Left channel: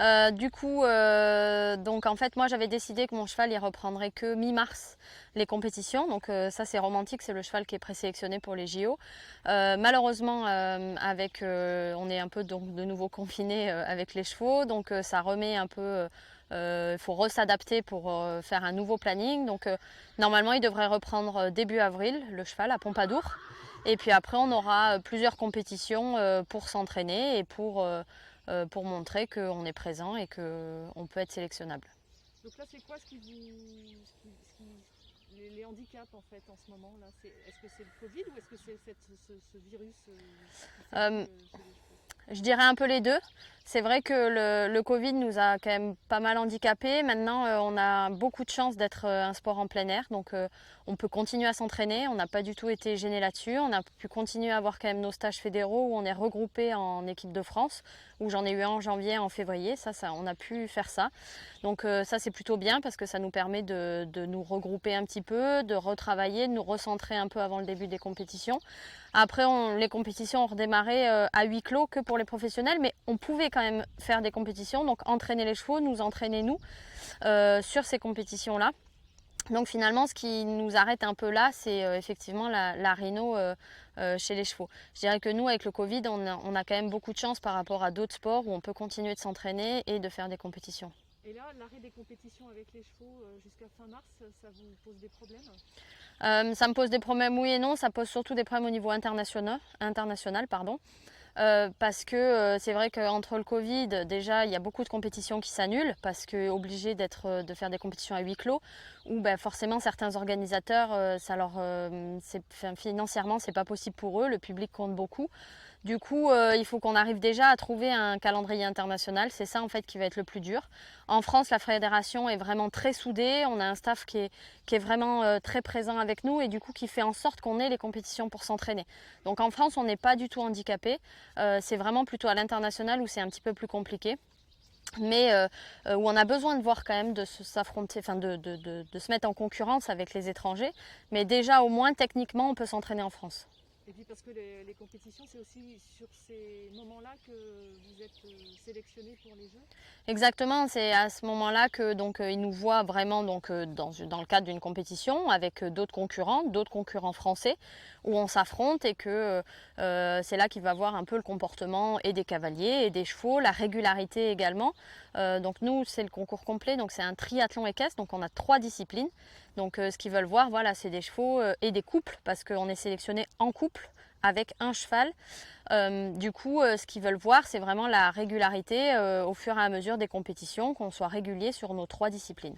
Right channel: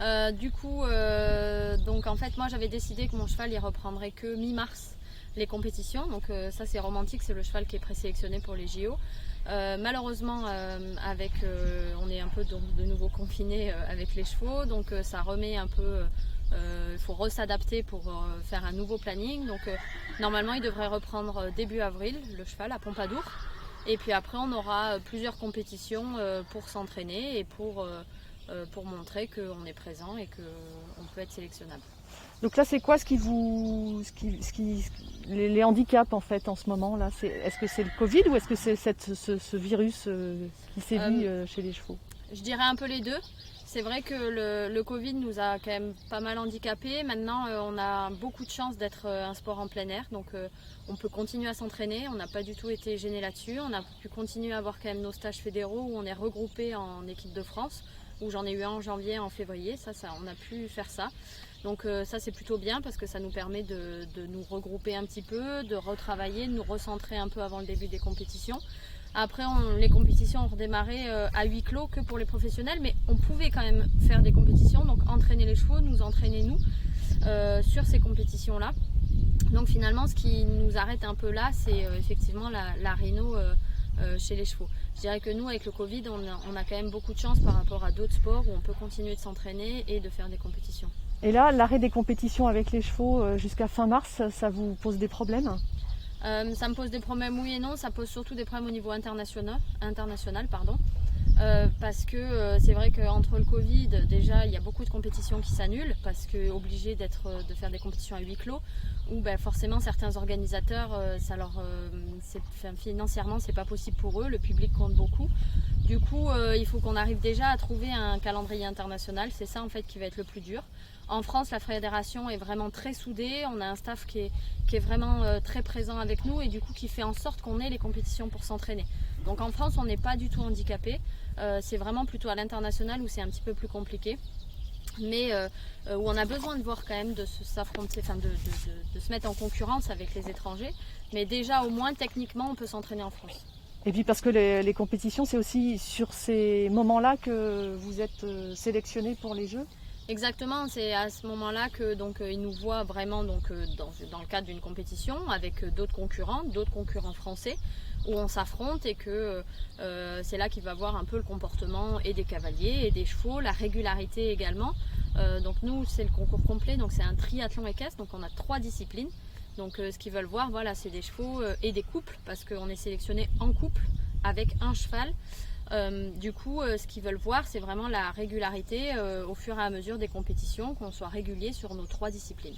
Donc en fait, moi j'avais décidé que mon cheval il reprendrait que mi-mars les compétitions. Donc ça c'est romantique, c'est le cheval qui est présélectionné pour les JO. Malheureusement, on est un peu de nouveau confiné avec les chevaux, donc ça remet un peu. Il faut s'adapter pour faire un nouveau planning. Donc normalement, il devrait reprendre début avril le cheval à Pompadour. Et puis après, on aura plusieurs compétitions pour s'entraîner et pour montrer qu'on est présent et qu'on peut être sélectionnable. Donc là, c'est quoi les handicaps en fait en ce moment là? Est-ce que c'est le Covid ou est-ce que c'est ce virus qui sévit chez les chevaux? Je dirais un peu les deux. C'est vrai que le Covid nous a quand même pas mal handicapés. Maintenant, on a beaucoup de chance d'être un sport en plein air. Donc, on peut continuer à s'entraîner. On n'a pas du tout été gêné là-dessus. On a pu continuer à avoir quand même nos stages fédéraux où on est regroupé en équipe de France, où j'en ai eu un en janvier, en février. On a pu faire ça. Donc ça c'est plutôt bien parce que ça nous permet de nous regrouper un petit peu, de retravailler, de nous recentrer un peu avant le début des compétitions. Après les compétitions ont redémarré à huis clos que pour les professionnels, mais on pouvait quand même faire des compétitions, donc entraîner les chevaux, nous entraîner nous sur ces compétitions-là. Donc finalement ce qui nous arrête un peu là c'est effectivement la rhino chez les chevaux. Je dirais que nous avec le Covid on a quand même beaucoup de chance par rapport à d'autres sports où on peut continuer de s'entraîner et de faire des compétitions. Et là, l'arrêt des compétitions avec les chevaux jusqu'à fin mars, ça vous pose des problèmes? Ça me pose des problèmes, oui et non. Ça pose surtout des problèmes au niveau international, pardon. Parce que c'est vrai qu'entre le Covid, déjà, il y a beaucoup de compétitions qui s'annulent parce que obligés de faire des compétitions à huis clos, où forcément certains organisateurs, financièrement, c'est pas possible pour eux. Le public compte beaucoup. Du coup, il faut qu'on arrive déjà à trouver un calendrier international. C'est ça en fait qui va être le plus dur. En France, la fédération est vraiment très soudée. On a un staff qui est vraiment très présent avec nous et du coup qui fait en sorte qu'on ait les compétitions pour s'entraîner. Donc en France, on n'est pas du tout handicapé. C'est vraiment plutôt à l'international où c'est un petit peu plus compliqué. Mais où on a besoin de voir quand même de s'affronter, de se mettre en concurrence avec les étrangers. Mais déjà, au moins, techniquement, on peut s'entraîner en France. Et puis parce que les compétitions, c'est aussi sur ces moments-là que vous êtes sélectionné pour les Jeux? Exactement, c'est à ce moment-là que ils nous voient vraiment dans le cadre d'une compétition avec d'autres concurrents français où on s'affronte et que c'est là qu'il va voir un peu le comportement et des cavaliers et des chevaux, la régularité également. Donc nous c'est le concours complet, donc c'est un triathlon équestre, donc on a 3 disciplines. Donc ce qu'ils veulent voir, voilà, c'est des chevaux et des couples parce qu'on est sélectionné en couple avec un cheval. Ce qu'ils veulent voir, c'est vraiment la régularité au fur et à mesure des compétitions, qu'on soit régulier sur nos 3 disciplines.